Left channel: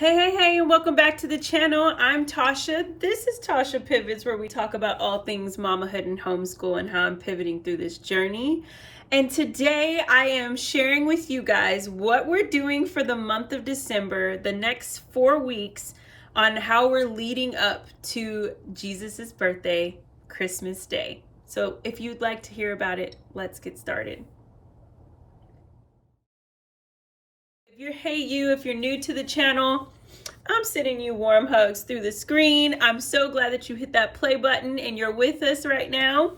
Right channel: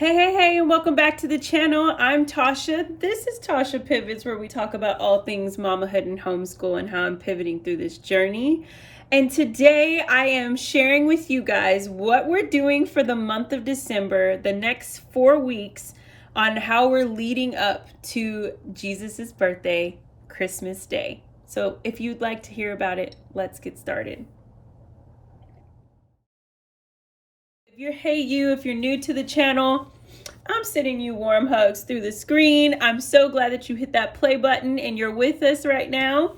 Hey, and welcome back to the channel. I'm Tasha. This is Tasha Pivots, where we talk about all things mamahood and homeschool and how I'm pivoting through this journey. And today I am sharing with you guys what we're doing for the month of December, the next 4 weeks, on how we're leading up to Jesus's birthday, Christmas Day. So if you'd like to hear about it, let's get started. If you're new to the channel, I'm sending you warm hugs through the screen. I'm so glad that you hit that play button and you're with us right now.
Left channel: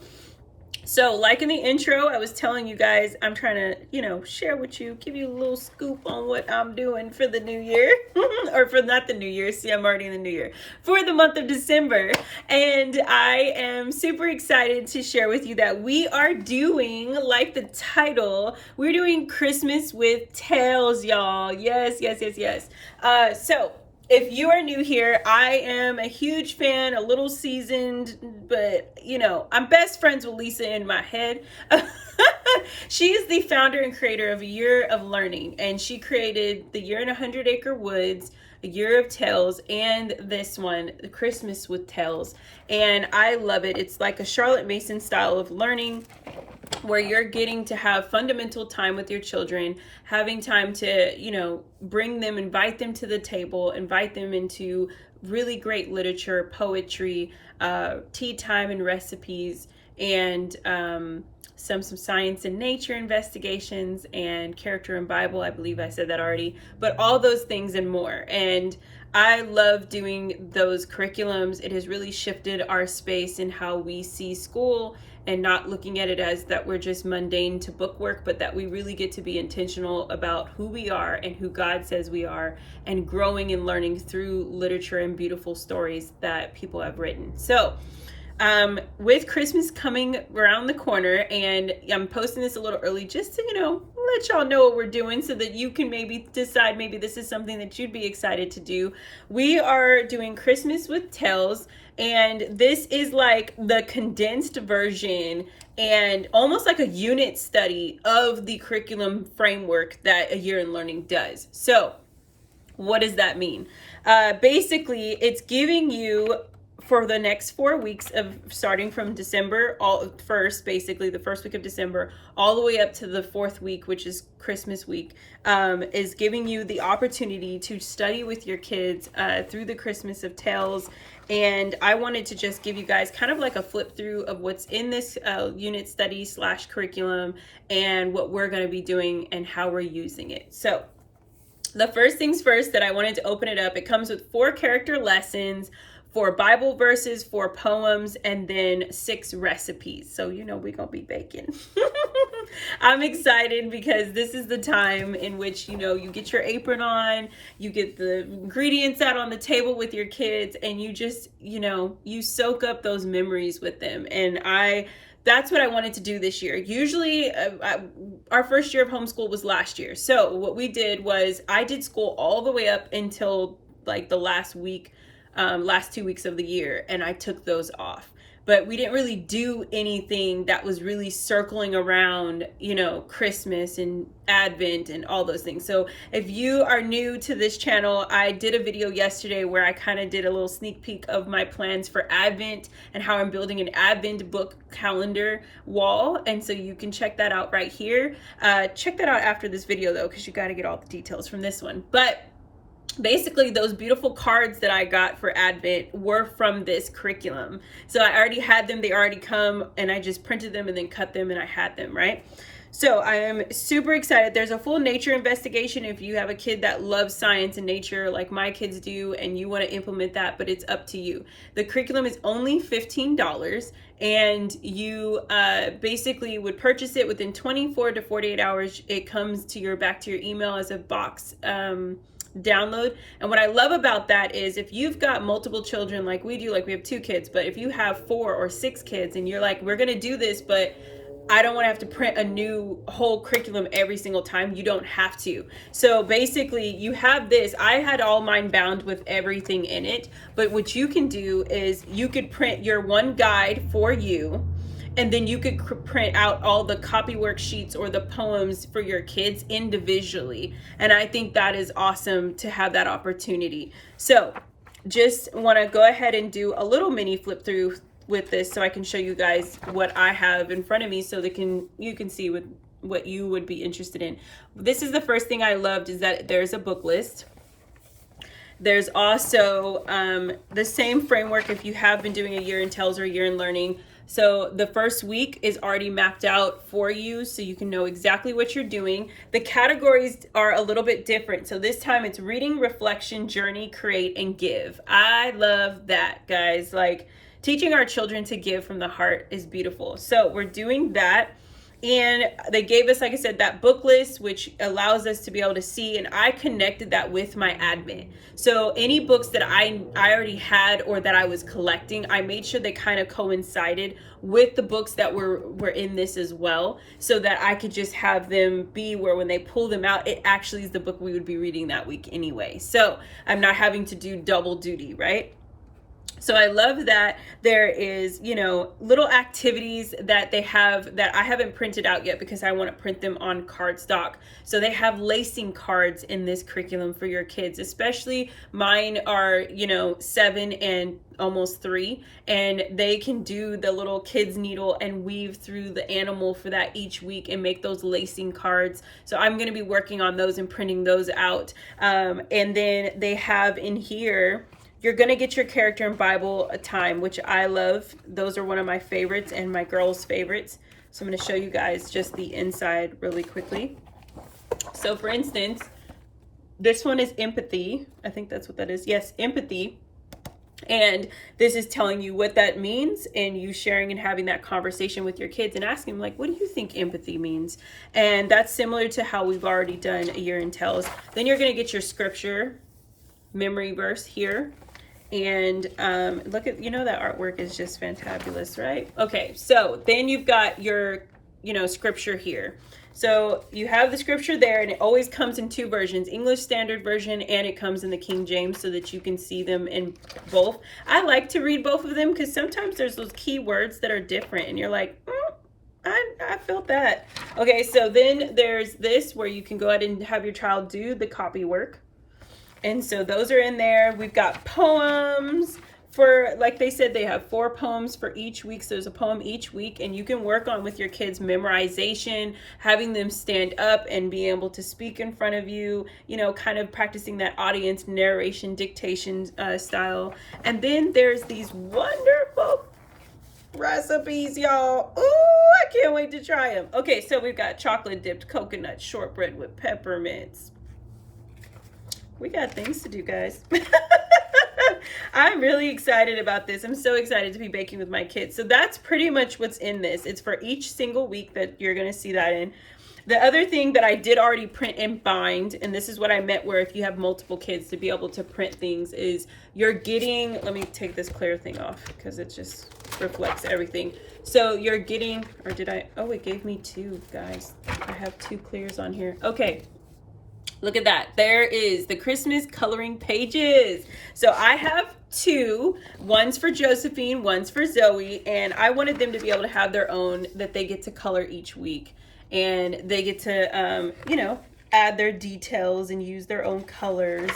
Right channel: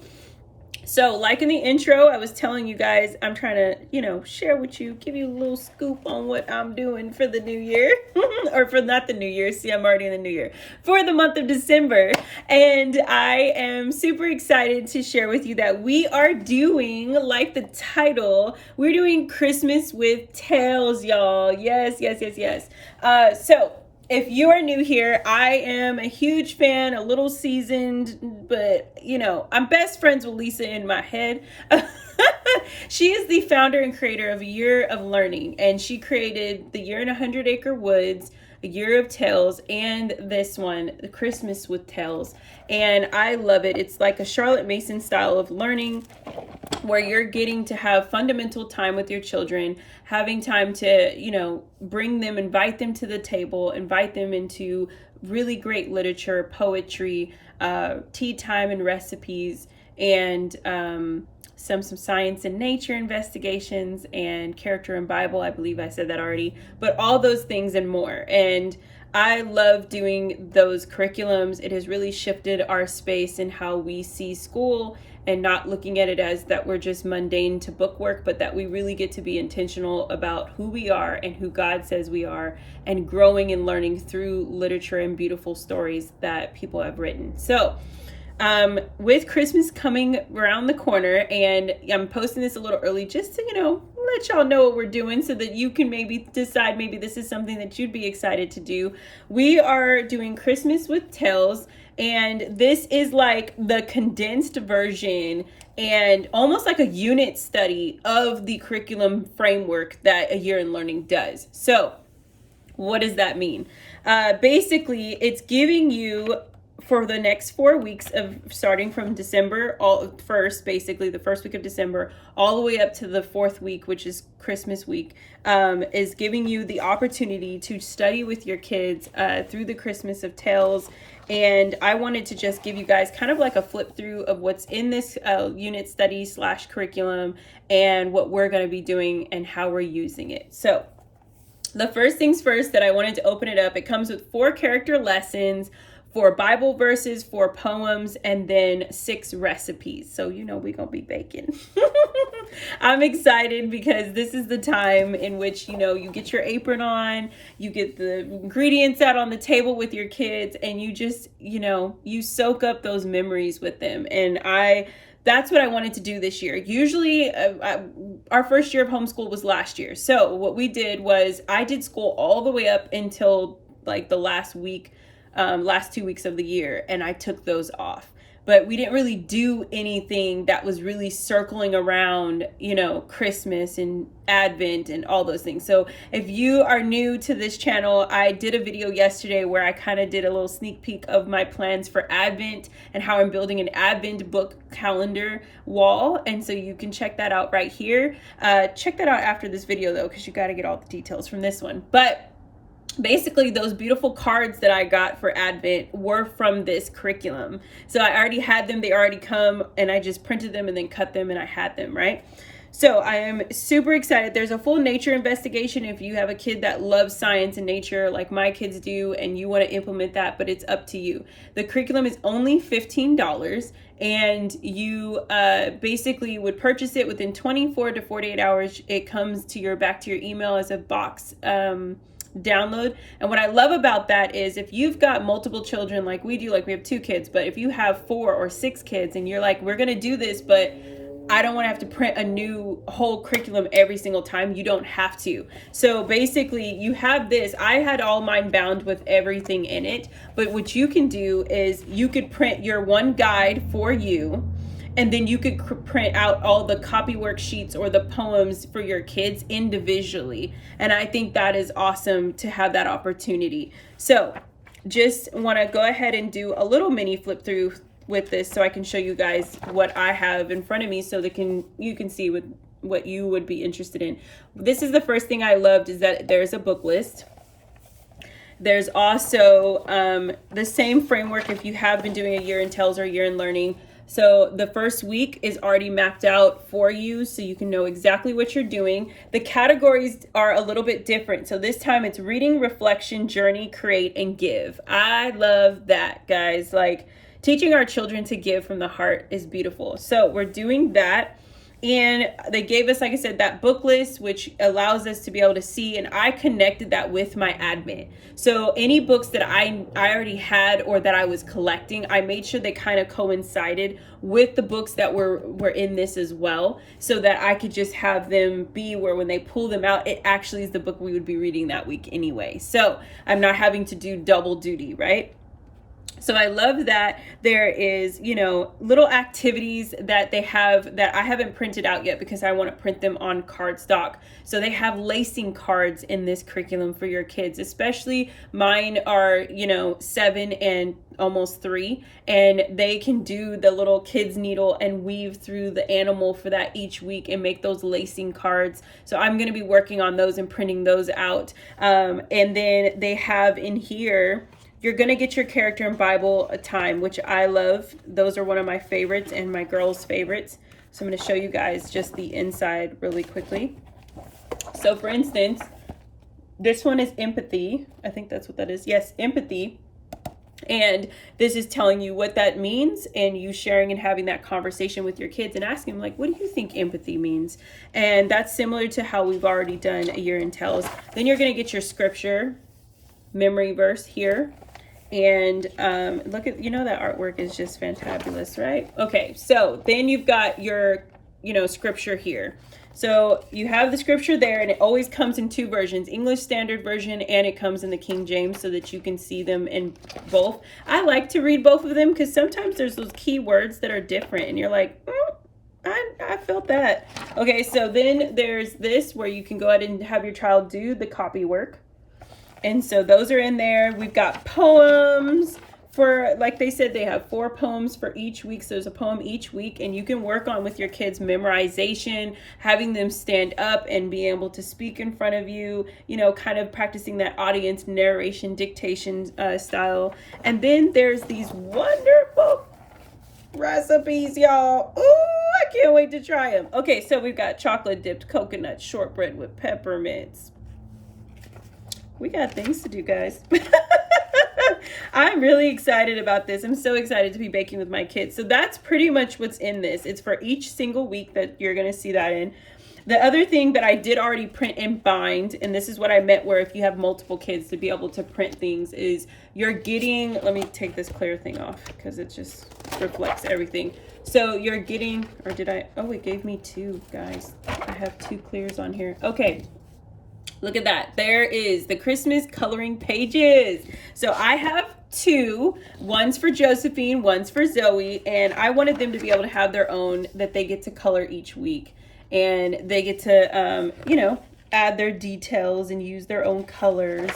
So like in the intro, I was telling you guys, I'm trying to, share with you, give you a little scoop on what I'm doing for the new year or for not the new year. See, I'm already in the new year for the month of December. And I am super excited to share with you that we are doing, like the title, we're doing Christmas with Tales, y'all. Yes. So if you are new here, I am a huge fan, a little seasoned, but I'm best friends with Lisa in my head. She is the founder and creator of A Year of Learning, and she created The Year in 100 Acre Woods, A Year of Tales, and this one, The Christmas with Tales. And I love it. It's like a Charlotte Mason style of learning, where you're getting to have fundamental time with your children, having time to, bring them, invite them to the table, invite them into really great literature, poetry, tea time and recipes, and some science and nature investigations and character and Bible. I believe I said that already, but all those things and more. And I love doing those curriculums. It has really shifted our space in how we see school, and not looking at it as that we're just mundane to bookwork, but that we really get to be intentional about who we are and who God says we are, and growing and learning through literature and beautiful stories that people have written. So with Christmas coming around the corner, and I'm posting this a little early just to, let y'all know what we're doing so that you can maybe decide maybe this is something that you'd be excited to do. We are doing Christmas with Tales, and this is like the condensed version and almost like a unit study of the curriculum framework that A Year in Learning does. So what does that mean? Basically, it's giving you, for the next 4 weeks of starting from December, basically the first week of December, all the way up to the fourth week, which is Christmas week, is giving you the opportunity to study with your kids through the Christmas of Tales. And I wanted to just give you guys kind of like a flip through of what's in this unit study / curriculum, and what we're going to be doing and how we're using it. So the first things first, that I wanted to open it up. It comes with 4 character lessons, 4 Bible verses, 4 poems, and then 6 recipes. So we're gonna be baking. I'm excited because this is the time in which you get your apron on, you get the ingredients out on the table with your kids, and you just you soak up those memories with them. And that's what I wanted to do this year. Usually our first year of homeschool was last year. So what we did was I did school all the way up until like the last 2 weeks of the year, and I took those off. But we didn't really do anything that was really circling around, Christmas and Advent and all those things. So if you are new to this channel, I did a video yesterday where I kind of did a little sneak peek of my plans for Advent and how I'm building an Advent book calendar wall. And so you can check that out right here. Check that out after this video though, because you got to get all the details from this one. But basically, those beautiful cards that I got for Advent were from this curriculum. So I already had them. They already come, and I just printed them and then cut them, and I had them, right? So I am super excited. There's a full nature investigation if you have a kid that loves science and nature like my kids do, and you want to implement that, but it's up to you. The curriculum is only $15, and you basically would purchase it within 24 to 48 hours. It comes back to your email as a box download. And what I love about that is if you've got multiple children like we do, like we have 2 kids, but if you have 4 or 6 kids and you're like, we're going to do this, but I don't want to have to print a new whole curriculum every single time, you don't have to. So basically you have this. I had all mine bound with everything in it, but what you can do is you could print your one guide for you, and then you could print out all the copy worksheets or the poems for your kids individually. And I think that is awesome to have that opportunity. So just want to go ahead and do a little mini flip through with this so I can show you guys what I have in front of me so that you can see what you would be interested in. This is the first thing I loved, is that there's a book list. There's also the same framework if you have been doing a year in TELS or a year in learning. So the first week is already mapped out for you so you can know exactly what you're doing. The categories are a little bit different. So this time it's reading, reflection, journey, create, and give. I love that, guys. Like, teaching our children to give from the heart is beautiful. So we're doing that. And they gave us, like I said, that book list, which allows us to be able to see, and I connected that with my admit. So any books that I already had or that I was collecting, I made sure they kind of coincided with the books that were in this as well, so that I could just have them be where when they pull them out, it actually is the book we would be reading that week anyway. So I'm not having to do double duty, right? So I love that there is, little activities that they have that I haven't printed out yet because I want to print them on cardstock. So they have lacing cards in this curriculum for your kids, especially mine are, 7 and almost 3, and they can do the little kids needle and weave through the animal for that each week and make those lacing cards. So I'm going to be working on those and printing those out. And then they have in here, you're going to get your character and Bible time, which I love. Those are one of my favorites and my girls' favorites. So I'm going to show you guys just the inside really quickly. So for instance, this one is empathy. I think that's what that is. Yes, empathy. And this is telling you what that means, and you sharing and having that conversation with your kids and asking them, like, what do you think empathy means? And that's similar to how we've already done a year in TELS. Then you're going to get your scripture memory verse here. And look at, that artwork is just fantabulous, right? Okay, so then you've got your, scripture here. So you have the scripture there, and it always comes in 2 versions, English Standard Version, and it comes in the King James so that you can see them in both. I like to read both of them because sometimes there's those key words that are different, and you're like, I felt that. Okay, so then there's this where you can go ahead and have your child do the copy work. And so those are in there. We've got poems for, like they said, they have 4 poems for each week. So there's a poem each week, and you can work on with your kids memorization, having them stand up and be able to speak in front of you, kind of practicing that audience narration dictation style. And then there's these wonderful recipes, y'all. Ooh, I can't wait to try them. Okay, so we've got chocolate dipped coconut shortbread with peppermints. We got things to do, guys. I'm really excited about this. I'm so excited to be baking with my kids. So that's pretty much what's in this. It's for each single week that you're going to see that in. The other thing that I did already print and bind, and this is what I meant where if you have multiple kids to be able to print things, is you're getting, let me take this clear thing off because it just reflects everything. So you're getting, or did I, oh, it gave me 2, guys. I have 2 clears on here. Okay. Look at that. There is the Christmas coloring pages. So I have 2. One's for Josephine, one's for Zoe. And I wanted them to be able to have their own that they get to color each week. And they get to, add their details and use their own colors.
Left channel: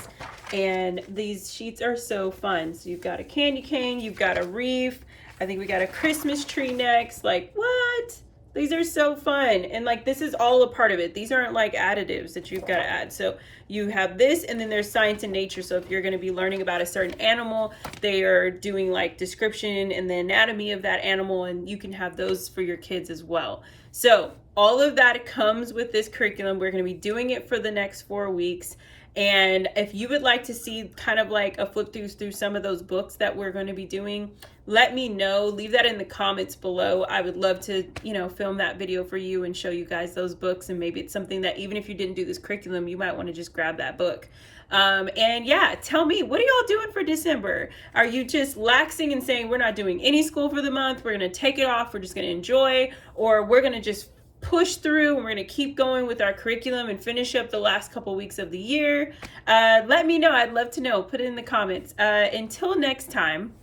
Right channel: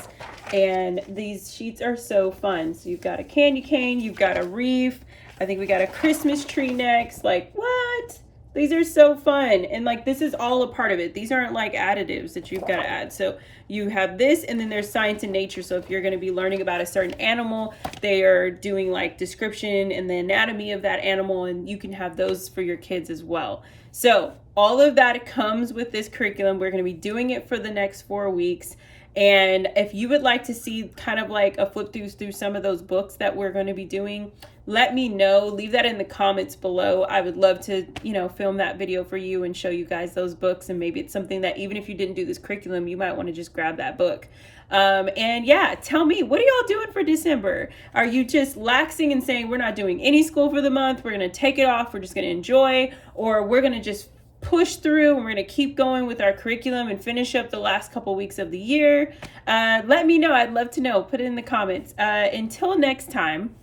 And these sheets are so fun. So you've got a candy cane, you've got a wreath. I think we got a Christmas tree next. Like, what? These are so fun. And like, this is all a part of it. These aren't like additives that you've got to add. So you have this, and then there's science and nature. So if you're going to be learning about a certain animal, they are doing like description and the anatomy of that animal, and you can have those for your kids as well. So all of that comes with this curriculum. We're going to be doing it for the next 4 weeks. And if you would like to see kind of like a flip through some of those books that we're going to be doing, let me know. Leave that in the comments below. I would love to, film that video for you and show you guys those books. And maybe it's something that even if you didn't do this curriculum, you might want to just grab that book. And yeah, tell me, what are y'all doing for December? Are you just laxing and saying we're not doing any school for the month? We're going to take it off. We're just going to enjoy, or we're going to just push through and we're going to keep going with our curriculum and finish up the last couple weeks of the year? Let me know. I'd love to know. Put it in the comments. Until next time,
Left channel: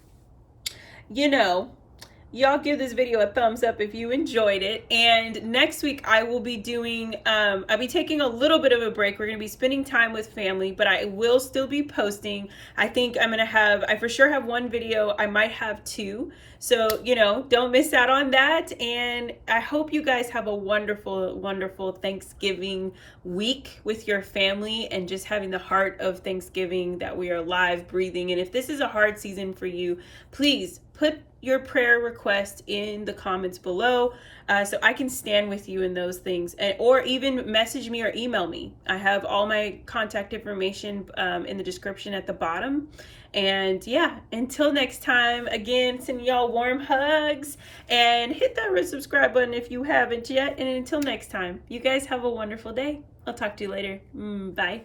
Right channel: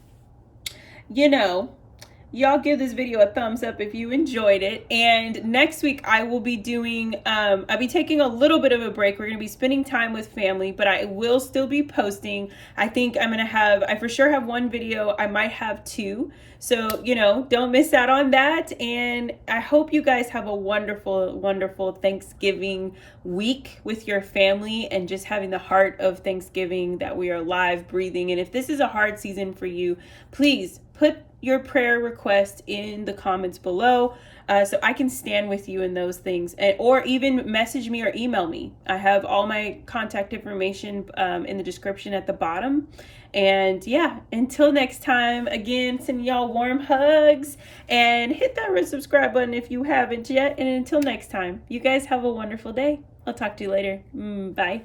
y'all give this video a thumbs up if you enjoyed it. And next week I will be doing, I'll be taking a little bit of a break. We're going to be spending time with family, but I will still be posting. I think I'm going to have, I for sure have one video. I might have two. So, you know, don't miss out on that. And I hope you guys have a wonderful, wonderful Thanksgiving week with your family and just having the heart of Thanksgiving that we are alive, breathing. And if this is a hard season for you, please put your prayer request in the comments below so I can stand with you in those things, or even message me or email me. I have all my contact information in the description at the bottom. And yeah, until next time, again, sending y'all warm hugs and hit that red subscribe button if you haven't yet. And until next time, you guys have a wonderful day. I'll talk to you later. Bye.